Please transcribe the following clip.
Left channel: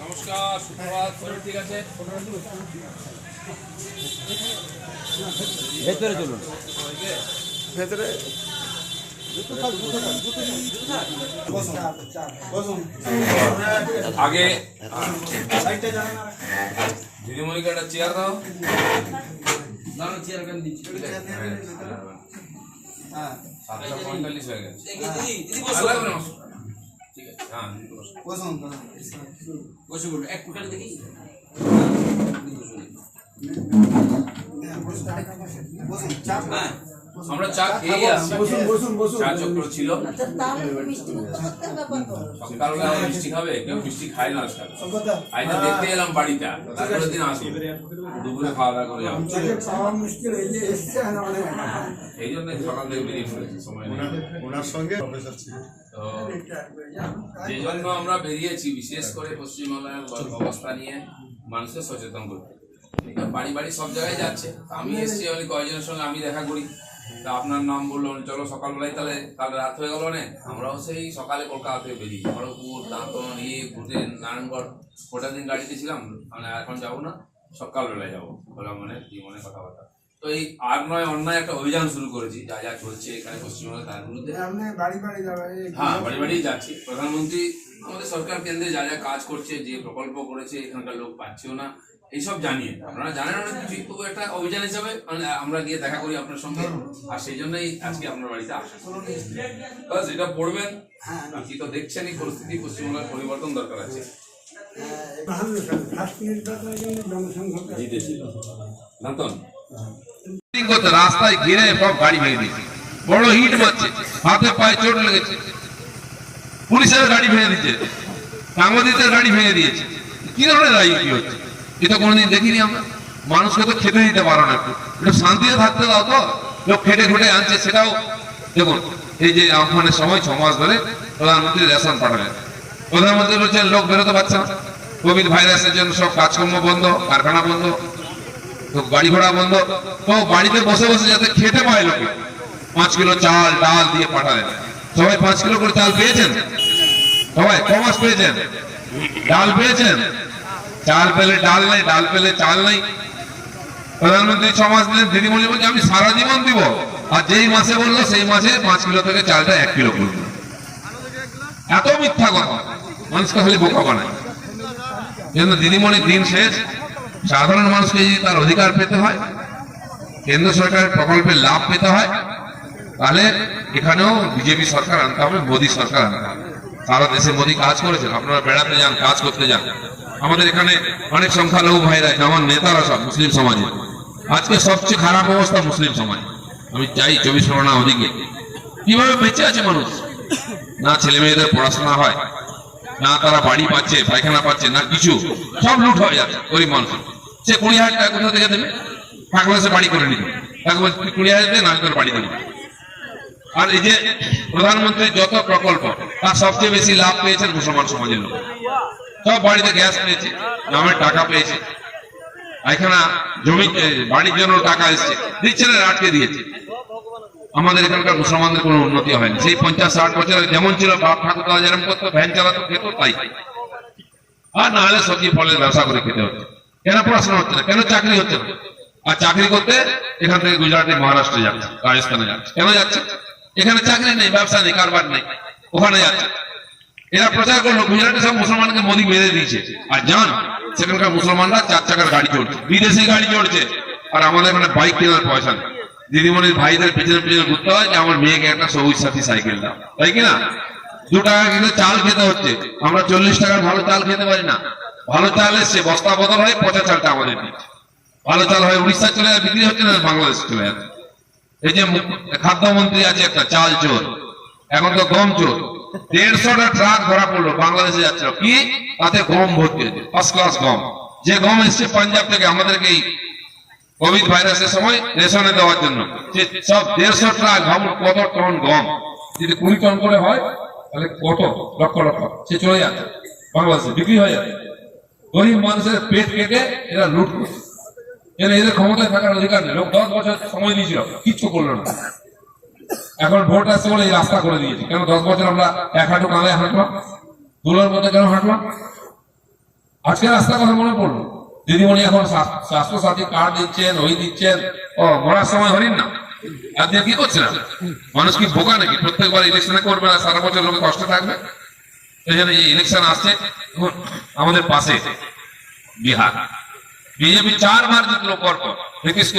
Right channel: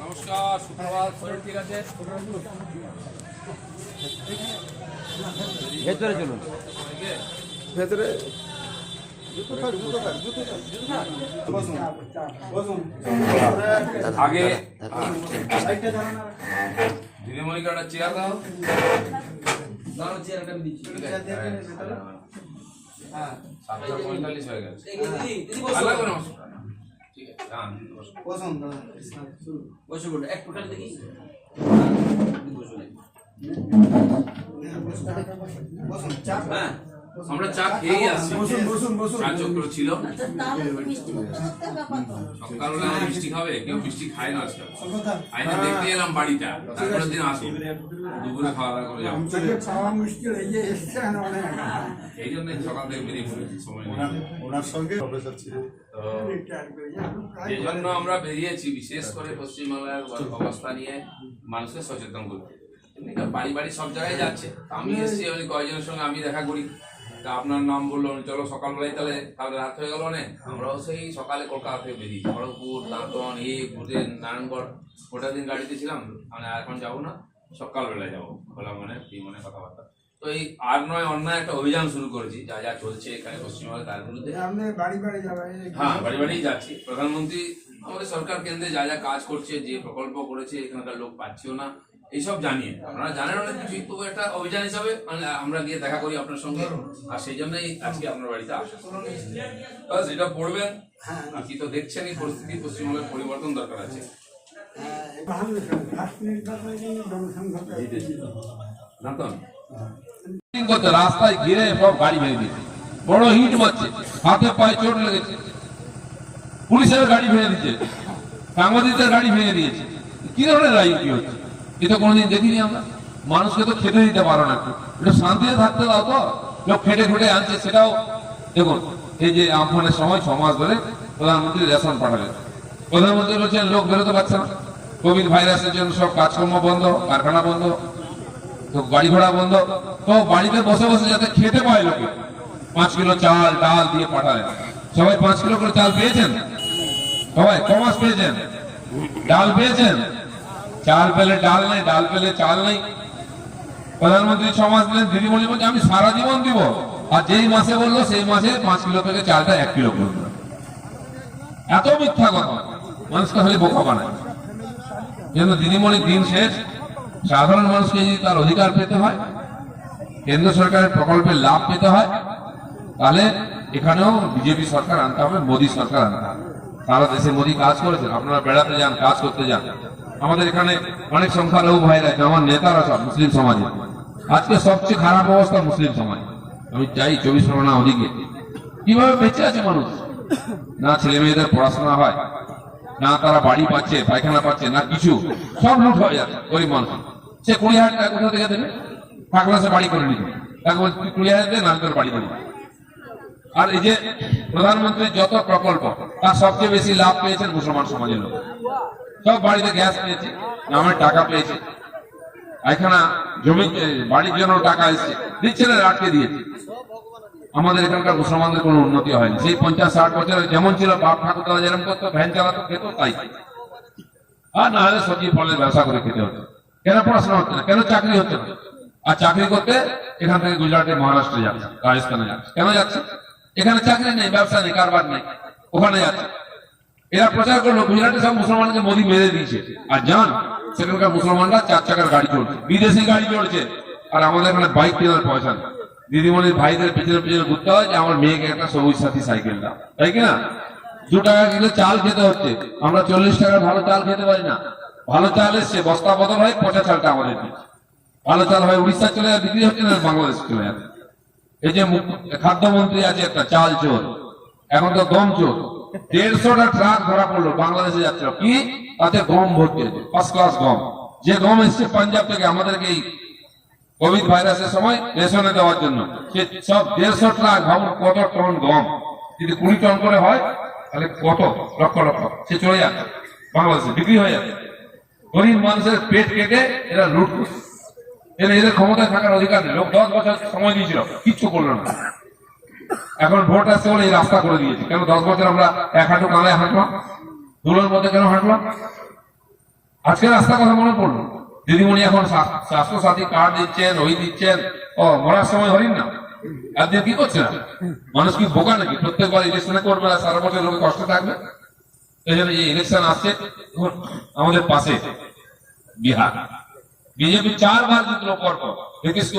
নমস্কার সুপ্রভাত। শরীর ঠিক আছে? ভেতরে চলুন। ভেতরে? আগে দিদিমণিকে একটা চেয়ার দাও। দাঁড়াও চেয়ার আমি দিচ্ছি। হ্যাঁ, সাতটা পঁয়তাল্লিশ হয়ে গেছে। আর লাগবে না, ঠিক আছে হ্যাঁ দিদি বসো। বসে বলুন এক ফুটালে দেখি। হ্যাঁ। আমরা চা খেয়েই আসছি। চা চক্র ছিল সকালবেলা মিষ্টি খাবে কেউ মিষ্টি খায় না আজকাল। আজ তো দেখতে এলাম বাড়িটা। তারপরের দিন আসব। দুপুরে খাওয়া দাওয়া করে যাব। এই জন্য সকাল থেকে বেরিয়ে পড়েছি সময় নেই। ওনার সঙ্গে এই জন্য আমরা বেরিয়েছি বিশেষ করে পশ্চিমবাংলার অবস্থা নিয়ে মানুষকে সচেতন করতে। বাড়ি বাড়ি সব জায়গায় যাচ্ছে। আমি এসেছি আমি কয়েকজনের সঙ্গে আমি দেখা করি। তা আপনার নাম বলল চলো সকালবেলায় তাহলে কাল রাত হয়ে গেল না আমরাও সেই সকালে কলকাতা থেকে বেরিয়ে খড়গপুর দাঁতন এ ঘুরে নারায়ণগড় ওটা দিন গাড়িতে ছিলাম মানে এখন যাব না সকালবেলায় যাব খোলা মনে কি মনে কথাবার্তা। তো এই আর নয় অন্যায় একটা অভিযান শুরু করেছি যা যা চলছে এখানে পশ্চিমবঙ্গে তার বিরুদ্ধে। বাড়ি বাড়ি হ্যাঁ বাড়ি বাড়ি যাচ্ছি। প্রধানমন্ত্রী আমাদের সরকার কেন্দ্রে যা যা কাজ করছে যে প্রকল্প করেছে এখানকার লোক পাচ্ছেও না। এইসব জানিয়ে। আপনারা জানেন অনেক কিছুই তবু একটা অভিযান হিসাবে মানে আমরা গিয়ে দেখা করি আপনার সঙ্গে। আর সেই জন্যই আজকে আপনার বাড়িতে আসা। বাস এটা পড়বেন আর কি তো দেখছেন এই পরিস্থিতি পশ্চিমবঙ্গের পরিবর্তন দরকার আছে। করতে রাস্তায় ঘিরে সব গাড়ি ভেঙে দিয়েছে। বড় হিট মারছে হাতে পায়ে চোট লেগেছে। পুলিশের গাড়ি ভেঙে দিচ্ছে সাংবাদিকদের গাড়ি ভেঙে দিয়েছে। কি ধরনের রাজনীতি হচ্ছে? এটা কোনোদিন দেখিনি আমরা। মানুষকে তো খেতে দিতে পারো না একটু। শান্তিতে থাকতে দাও তো। লোক খেটে খুঁটে আনছে, সেটাও দেখুন, এই যে আমফানের সময় ছ মাস ধরে প্রধানমন্ত্রী রেশন পাঠালেন। প্রধানমন্ত্রী বলছেন, লোক বেরোতে পারছে না। কোভিড ভাইরাসের জন্য সব কাজকর্ম বন্ধ, কারখানা বন্ধ, তো গাড়ি ঘোড়া বন্ধ। তো বাড়িতে বসে বসে যাতে খেতে পায় লোকে, পাঁচ কিলো চাল, ডাল দিয়ে পাঠালেন সবাই পাঁচ কিলো করে চাল পেয়েছেন? সবাই, ক মাস পেয়েছেন? ডাল পেয়েছেন? চাল পেলে ডাল নাই, ডাল পেলে চাল নাই। প্রধানমন্ত্রী ছ মাস দিলেন দিদিমণি বলছে, আমি সারা জীবন দিব। আর যেই মাসে বলল, সেই মাসে পাঁচ কিলো থেকে চালটা এক কিলো করবে এত মিথ্যা কথা। মানুষকে খালি বোকা বানায়। জন্য দিদিমণির দিন শেষ। সাধারণ মানুষকে যদি তার অধিকার পেতে হয়, কেন্দ্র সরকারের প্রকল্পের লাভ পেতে হয়, তাহলে এখানেও বিজেপি সরকার আনতে হবে, মোদী সরকার আনতে হবে। সারা দেশে মোদী কাজ করেছেন, আপনারা বেড়াতে যান, কাজ করতে যান। আমাদের এখানে অনেক সংখ্যালঘু ভাইরা যেমন নেতারা সব মুসলিম সমাজে। আজকে সবচেয়ে খারাপ অবস্থা মুসলিম সমাজ। আমি চাই চব্বিশ পরগনা ওদিকে। কীভাবে বেঁচে আছে মানুষ? না ছেলে মেয়েদের পড়াশোনা হয়, না তারা বাড়ি পাচ্ছে, পায়খানা পাচ্ছে, না কিছু। সব লুট হয়ে যাচ্ছে গরিব মানুষ সে কুড়ি হাজার টাকা কোথা থেকে দেবে? টাকা সে বাড়ি করে নিল তাকে বলছে, তুই কুড়ি হাজার দেবে না তোর বাড়ি দেবো। আর এই যে প্রধানমন্ত্রীর যত প্রকল্প, তার সবচেয়ে বেশি লাভ পেয়েছেন মুসলমান সমাজের লোক। সব বাড়িতে গ্যাস পেয়েছে নামের টাকা পেয়েছে। এখানে জমি বাড়ির জন্য টাকা এসছে দিচ্ছে না আটকে দিয়েছে। আমাদের এখানকার মুসলমানদের কোনো উন্নতি হয়নি। সেই পঞ্চাশ, ষাট বছরে যেমন ছিল, বাপ ঠাকুর যেরকম করতো, ভ্যান চালাতো, খেত তাই। আর না হলে সবজি, ফলের ব্যবসা করে খেতে হচ্ছে কেন পড়াশোনা হচ্ছে না? কেন চাকরি হচ্ছে না? আর চাকরি করতে এখান থেকে গুজরাটে, মহারাষ্ট্রে যাচ্ছে, রাজস্থানে যাচ্ছে। কেন যাচ্ছে? এখানে চাকরি নেই, ব্যবসা নেই, কারবার নেই, ওখানে যাচ্ছে। এরা প্রচার করল, গুজরাটে সব মুসলমানকে মোদি মেরে দিয়েছে। আর যান সেখানকার মুসলমানরা চার চাকার গাড়ি চড়ছে, বিদেশি গাড়ি চড়ছে। আর আমাদের এখানে বাইক কেনার পয়সা নেই। দিদিমণির ভাইদের পিছনে পিছনে ঘুরতে হয়, যে আমার মেয়েকে একটা সবুজ সাথী সাইকেল দাও। তাই কিনা দু টাকা কিলো চাল খেতে হচ্ছে। আমরা চল্লিশ টাকার ভালো চাল খেতে পারি না। ভালো চাল এসছে, বস্তা বদল হয়, পচা চালটা আমাদের দিচ্ছে ভালো চাল হয় উড়িষ্যা চলে যায়, বিক্রি হচ্ছে না, বাংলাদেশ চলে যাচ্ছে এই যে খাদ্যমন্ত্রী আছে একটা, চাল চোর। এখন তো গম চোর। দেড়শোটা ট্রাক ধরা পড়ল, বাংলাদেশে যাচ্ছিল। কি? তাতে গম ভর্তি হয়েছে ফার্স্ট ক্লাস গম। যে গম এসছে পাঞ্জাব থেকে আমাদেরকে কোভিড ভাইরাসের সময় রেশনে দেওয়ার জন্য। সব দেড়শো ট্রাক ভাবুন কত টন গম। যদি কুড়ি টন করে হয়, তাহলে কত? লক্ষ লক্ষ। সে চলে যাচ্ছে, বাংলাদেশে বিক্রি হয়ে যাচ্ছে। গরিব মানুষের পেট কেটে এরা লুট করছে। এদের ক্ষমতায় থাকার অধিকার নেই। লোক দশ বছর সময় দিয়েছিল, কিচ্ছু করল না। এখন ভোট আসছে বলে এই রাস্তা করে দিয়েছে। কেন দশ বছর আমরা এক হাঁটু কাঁদায় হাঁটলাম? দুলোর মধ্যে কেন হাঁটলাম? আজকে রাস্তার কথা মনে পড়ল। দিদিমণি এখন স্বাস্থ্য- সাথী কার্ড দিচ্ছেন ওই দিচ্ছেন ও, মরার সময় হলেন না? আপনি কি করছেন মানুষ কি বোকা নাকি? প্রত্যেকবার ইলেকশনে করবে না সারা বছর লোকে কষ্ট থাকবে? এই জন্য এই ইলেকশন আসছে। আমাদের পাশে বিহার। বিজেপি চারবার জিতলো পর পর নীতিশ